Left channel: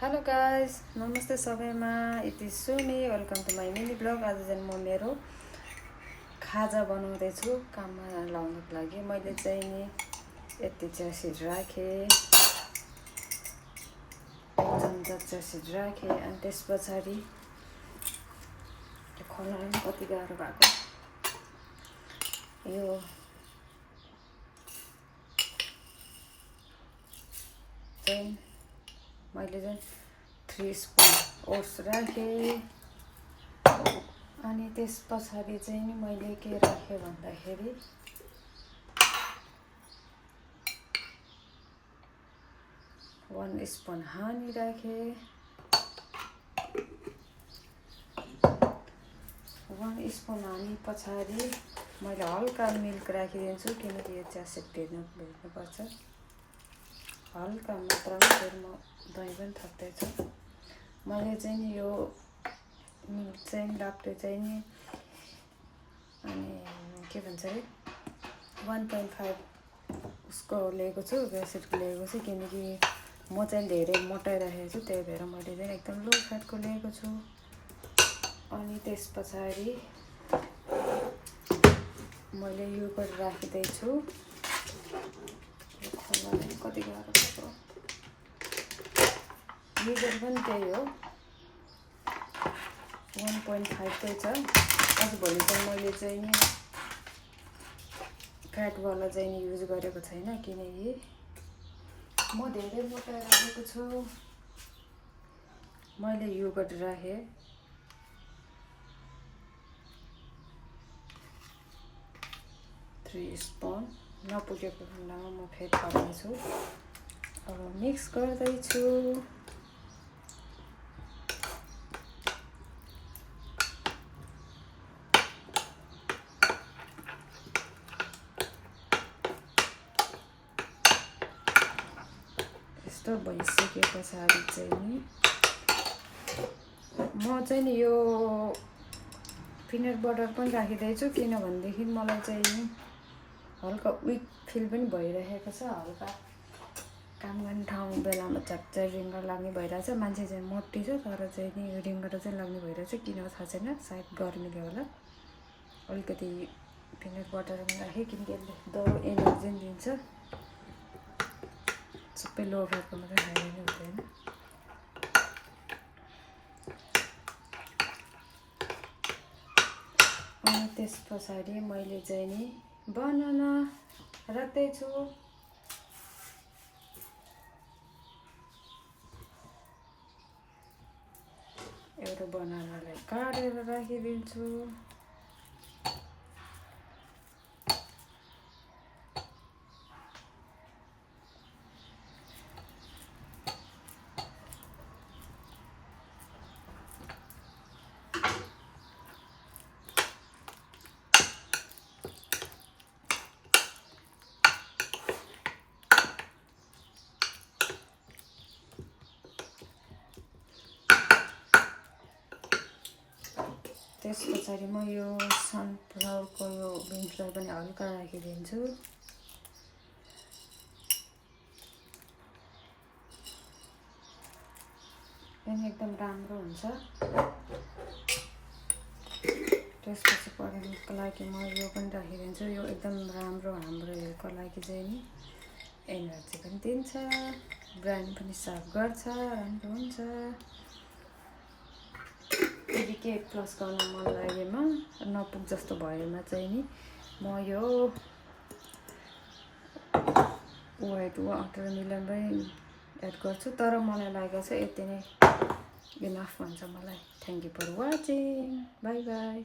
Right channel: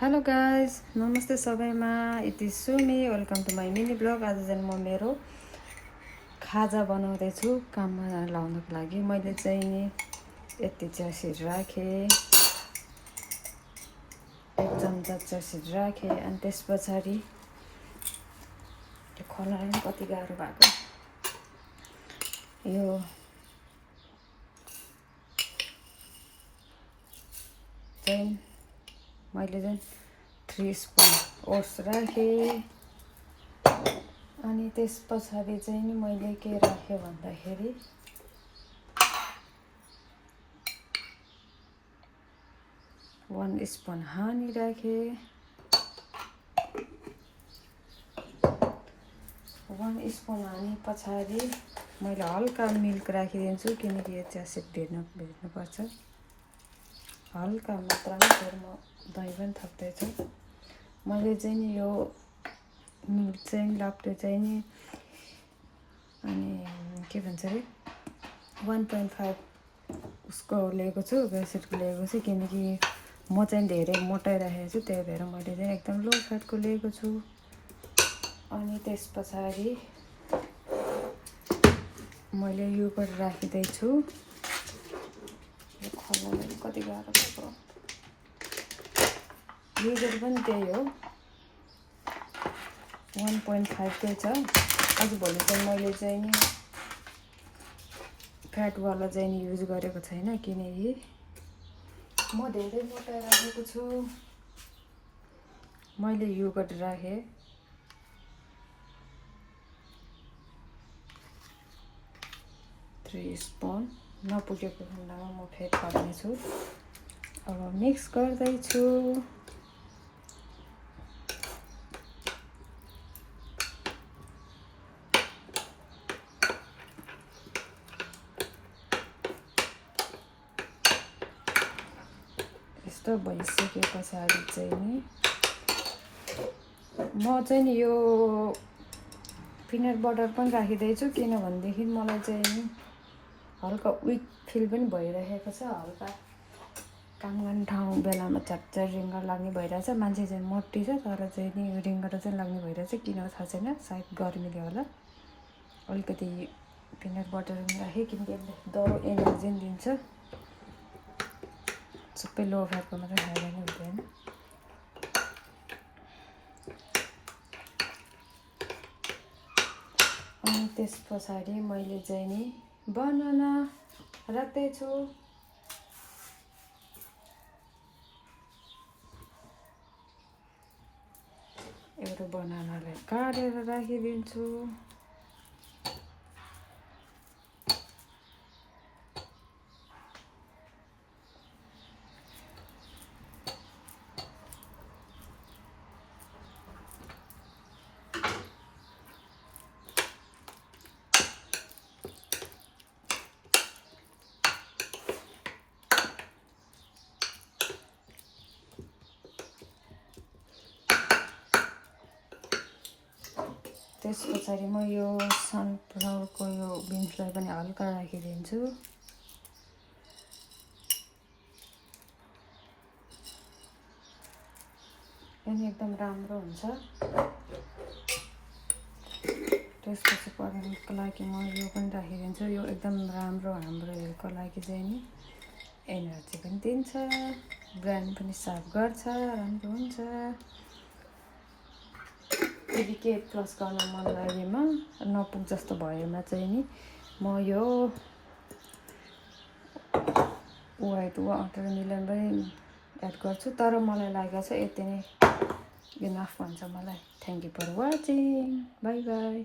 Hello guys, नमस्ते सबैमा। It is Sumi, welcome to my mini blog. आज चाहिँ म मेरो खाजा बनाउँदैछु काममा लाउनको लागि। मैले चाहिँ नि यति चियासिड राखेँ, 1 चम्चा चियासिड राखेँ। अनि त्यस पछाडि यो खनाइ पनि कति गाह्रो भएको, यो चाहिँ मैले चाहिँ 3 स्पुन ओट्स राखेँ। अनि त्यस पछाडि चाहिँ नि मैले के राखेँ भन्दाखेरि 1 स्पुन हानी राखेँ। 1 स्पुन हानी पछाडि मैले हल्का मिल्क राखिदिन्छु, किनकि यो चियासिड भिज्नुपर्छ। हल्का मात्रामा, फेरि म दही पनि थप्दैछु। मैले चाहिँ नि यो मिल्क चाहिँ लाप्टो चाहिँ नि अनि के भन्छ अरे 1.5 उसको लिएको छु, चियासिडको लिएको छु, किनकि म चाहिँ धेरै मोटाइराखेको छु, त्यही भएर मैले चाहिँ एकदम लो फ्याटको लिएको छु। अनि त्यस पछाडि मैले यो पनि राखिदिन्छु। कति गाह्रो छ, मेजर पनि त्यही हो, 1.5 त्यही छ। आजभोलि चाहिँ मैले चाहिँ नि फ्याटवाला चाहिँ नि युज गरेको छैन, किनकि म धेरै मोटा राखेको छु। मैले योगर्ट राखेँ, 3 स्पुन। नपुगेको खण्डमा म फेरि हाल्नेछु। अब मिक्स गर्दैछु। यस्तो भइसके पछाडि चाहिँ नि म चाहिँ नि यो पिनट बटर पनि राखिदिन्छु, किनभनेदेखि मलाई चाहिँ नि हल्का विक फिल पनि भइरहेको छ। हल्का काम गर्ने ठाउँ बेलामा च्याप्चा रिङ्गर लाग्ने भइरहेछ। मान्छे चाहिँ मोटी छ, तर चाहिँ नि रिङ्गर चाहिँ लाग्ने भइरहेछ, किन थाहा छैन, सायद गर्मीले होला। अलिकति पिनट बटर पनि राखेँ, किनकि दरो एनर्जी पनि दिन्छ। सबै लो फ्याटको मात्रै खाएर नै हुँदैन। अनि त्यस पछाडि मैले चाहिँ नि बनाना राख्दैछु। एउटा बनानालाई काटेर राखिदिन्छु। त्यस पछाडि म यो सनफ्लावरको यो बिन्सलाई पनि हल्का राखिदिन्छु। अनि एकदम राम्रो हुन्छ। त्यसपछि पकाउनुको लागि म यो पनि राखिदिन्छु। यो एकदम राम्रो हाम्रो हेयरको लागि चाहिँ नि एनर्जी पनि दिन्छ, ब्रेन पनि साफ गर्छ, राम्रो हुन्छ। यदि के प्लस गर्न मन लागेमा, नपुग जस्तो भएमा चाहिँ नि म यो वाइट वाटरमेलन पनि एड गर्छु, तर मलाई लागेको छ यति नै इनफ हुन्छ मलाई। Thank you for watching, by by.